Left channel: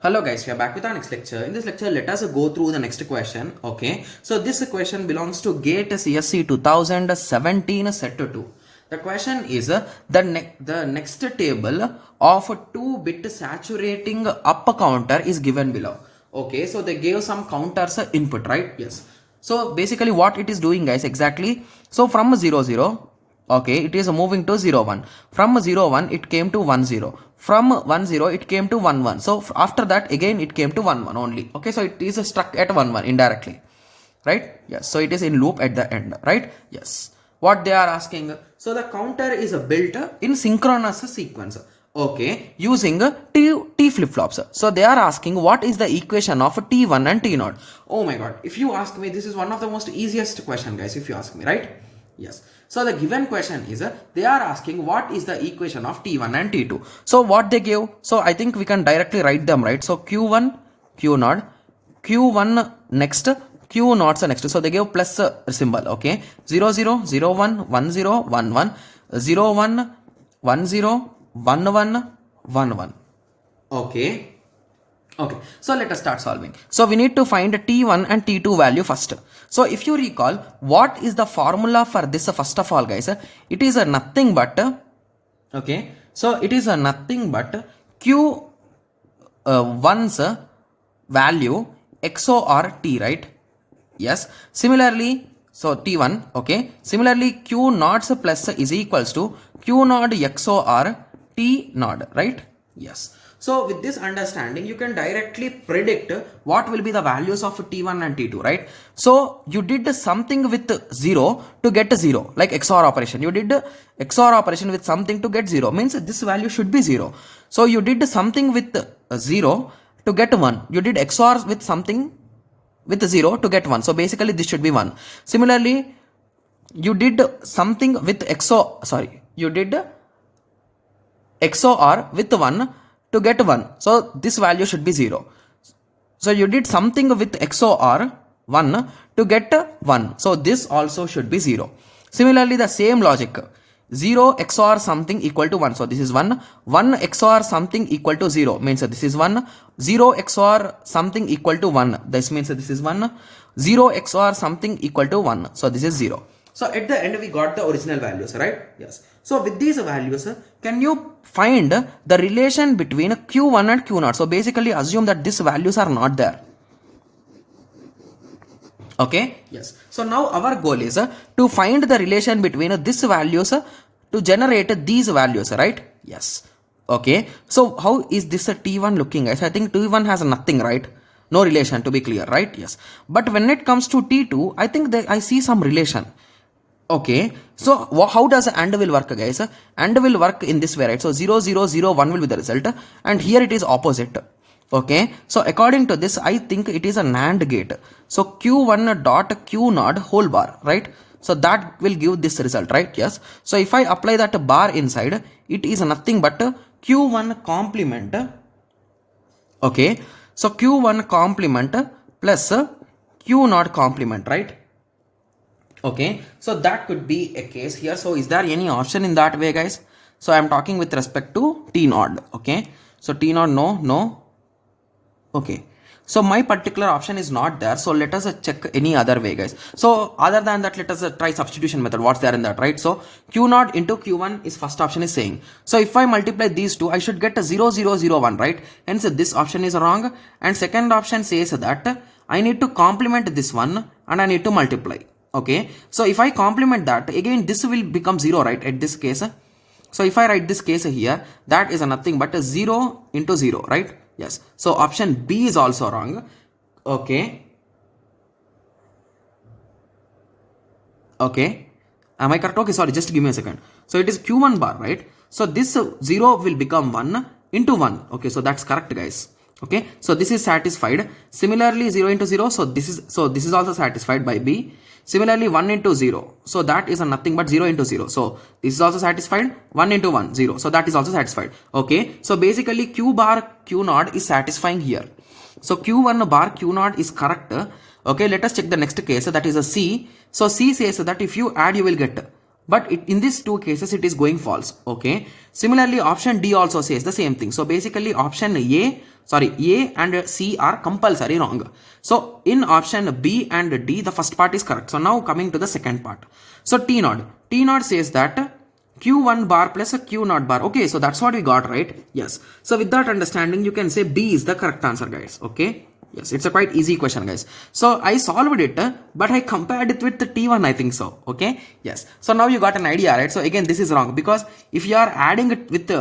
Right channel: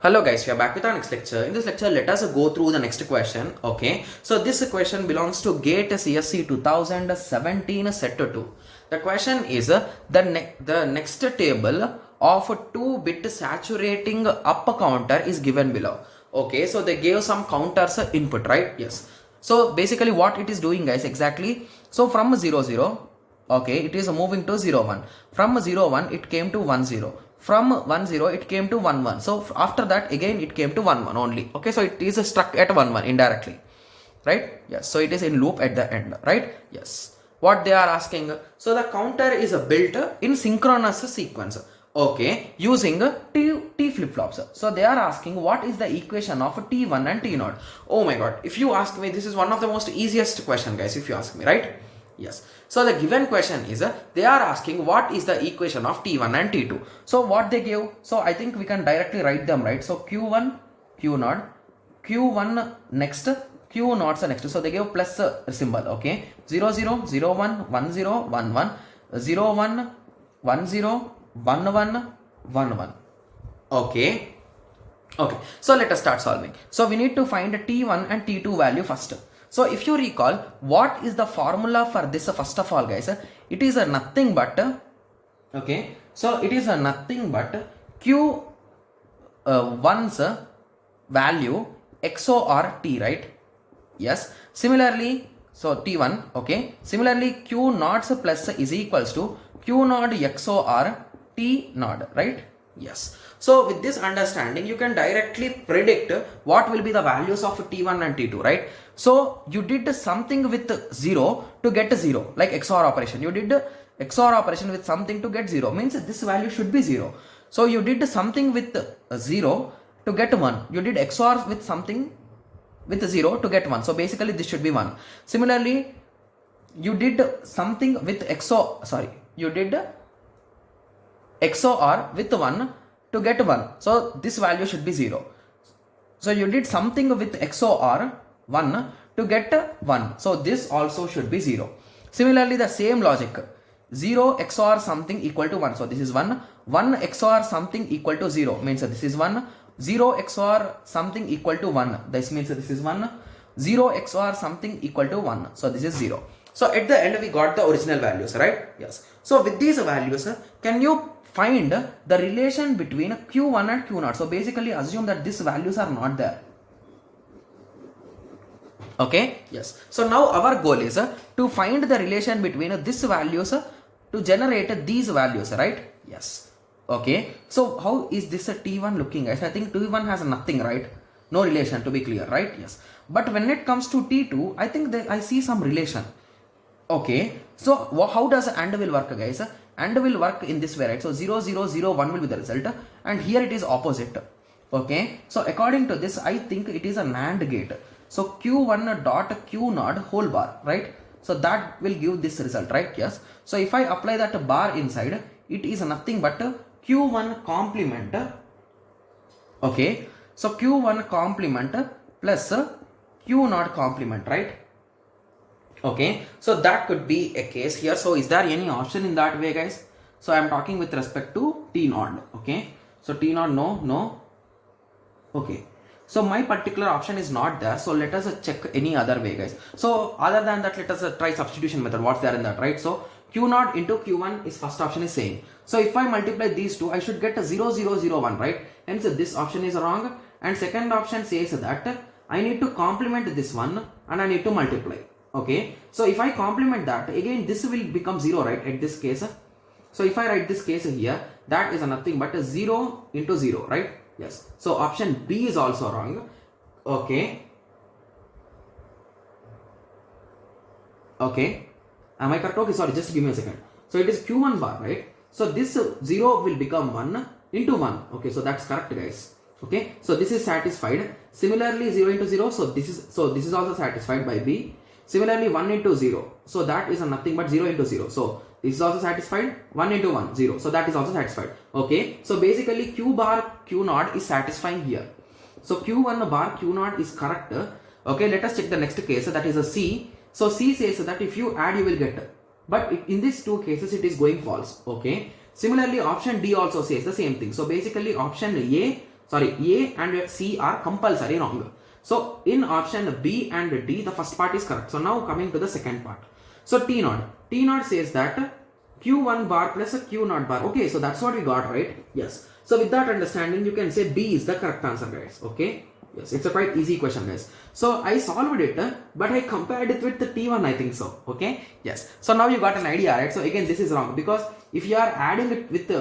Hello guys, we are back with our next lecture. In this lecture, let us go through the next question. Okay, so this question belongs to GATE CSC 2017 set 2. The question is the next table of 2-bit saturating up counter is given below. Okay, so they gave some counters input, right? Yes. So basically what it is doing guys exactly. So from 0 0, okay, it is moving to 0 1. From 0 1 it came to 1 0. From 1 0 it came to 1 1. So after that again it came to 1 1 only. Okay, so it is stuck at 1 1 indirectly, right? Yes, so it is in loop at the end, right? Yes. What they are asking, so the counter is built in synchronous sequence, okay, using t flip flops. So they are asking what is the equation of t1 and t0. Oh my god, if you ask me, this is one of the most easiest question guys, if you ask me, right? Yes. So the given question is they are asking what is the equation of t1 and t2. So what they give, so I think we can directly write them, right? So q1 q0, q1 next, q naught next. So they give plus symbol, okay, 0 0 0 1 1 0 1 1 0 1 1 0 1 1 1 1. Okay. Okay, so let us start solving. So we need to find t1 and t2 value first. So if you recall, what is the formula for this first of all guys? It is a nothing but, okay, so it is a nothing but q one's value XOR t, right? Yes. Similarly, so t1, okay. Similarly, q naught plus is equals to q naught XOR t naught, right? Yes. So with this understanding, you can directly predict what will be the values of t1 and t2, right? So you did something with 0 to get 0, like XOR operation. You did XOR operation with something to get 0, means this value should be 0. So you did something with 0 to get 1. You did XOR with something with 0 to get 1. So basically this should be 1. Similarly, you did something with you did XOR with 1 to get 1. So this value should be 0. So you did something with XOR 1 to get 1. So this also should be 0. Similarly, the same logic. 0 XOR something equal to 1. So this is 1. 1 XOR something equal to 0 means this is 1. 0 XOR something equal to 1. This means this is 1. 0 XOR something equal to 1. So this is 0. So at the end we got the original values, right? Yes. So with these values, can you find the relation between q1 and q0? So basically assume that these values are not there. Okay, yes. So now our goal is to find the relation between these values to generate these values, right? Yes. Okay. So how is this t1 looking, guys? I think t1 has nothing, right? No relation, to be clear, right? Yes. But when it comes to t2, I think I see some relation. Okay, so how does AND will work, guys? AND will work in this way, right? So 0 0 0 1 will be the result, and here it is opposite. Okay, so according to this, I think it is a NAND gate. So q1 dot q0 whole bar, right? So that will give this result, right? Yes. So if I apply that bar inside, it is nothing but q1 complement. Okay, so q1 complement plus q0 complement, right? Okay, so that could be a case here. So is there any option in that way, guys? So I'm talking with respect to t naught. Okay, so t naught, no. Okay, so my particular option is not there. So let us check any other way, guys. So other than that, let us try substitution method. What's there in that, right? So q naught into q1 is first option is saying. So if I multiply these two, I should get a 0 0 0 1, right? Hence this option is wrong. And second option says that I need to complement this one and I need to multiply. Okay, so if I complement that, again this will become 0, right, at this case. So if I write this case here, that is nothing but a 0 into 0, right? Yes, so option B is also wrong. Okay, am I correct? Okay, sorry, just give me a second. So it is q1 bar, right? So this 0 will become 1 into 1. Okay, so that's correct, guys. Okay, so this is satisfied. Similarly, 0 into 0, so this is also satisfied by B. Similarly, 1 into 0, so that is nothing but 0 into 0. So this is also satisfied. 1 into 1, 0. So that is also satisfied. Okay, so basically q bar q naught is satisfying here. So q1 bar q naught is correct. Okay, let us check the next case, that is a C. So C says that if you add, you will get. But in these two cases, it is going false. Okay, similarly, option D also says the same thing. So basically, option A, sorry, A and C are compulsory wrong. So in option B and D, the first part is correct. So now coming to the second part. So T naught says that Q1 bar plus a Q naught bar. Okay, so that's what we got, right? Yes. So with that understanding, you can say B is the correct answer, guys. Okay. Yes, it's a quite easy question, guys. So I solved it, but I compared it with the T1, I think so. Okay. Yes. So now you got an idea, right? So again, this is wrong because if you are adding it with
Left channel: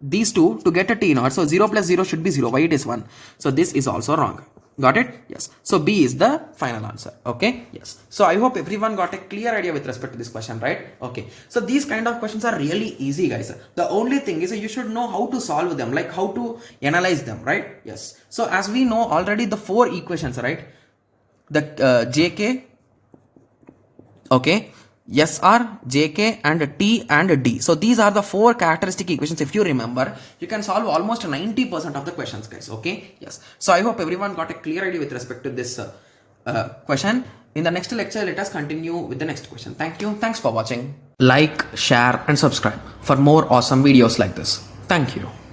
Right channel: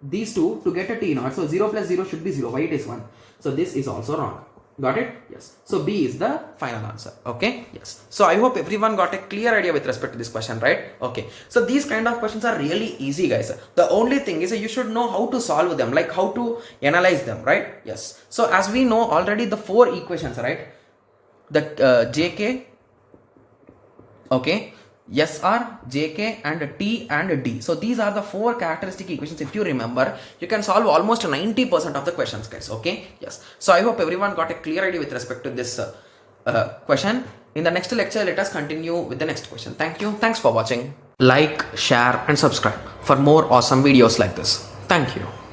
these two to get a T naught, so 0 plus 0 should be 0. Why it is 1? So this is also wrong. Got it? Yes. So B is the final answer. Okay. Yes. So I hope everyone got a clear idea with respect to this question, right? Okay. So these kind of questions are really easy, guys. The only thing is you should know how to solve them, like how to analyze them, right? Yes. So as we know already the 4 equations, right? The JK, okay, SR, JK and T and D. So these are the 4 characteristic equations. If you remember, you can solve almost 90% of the questions, guys. Okay. Yes. So I hope everyone got a clear idea with respect to this question. In the next lecture, let us continue with the next question. Thank you. Thanks for watching. Like, share and subscribe for more awesome videos like this. Thank you.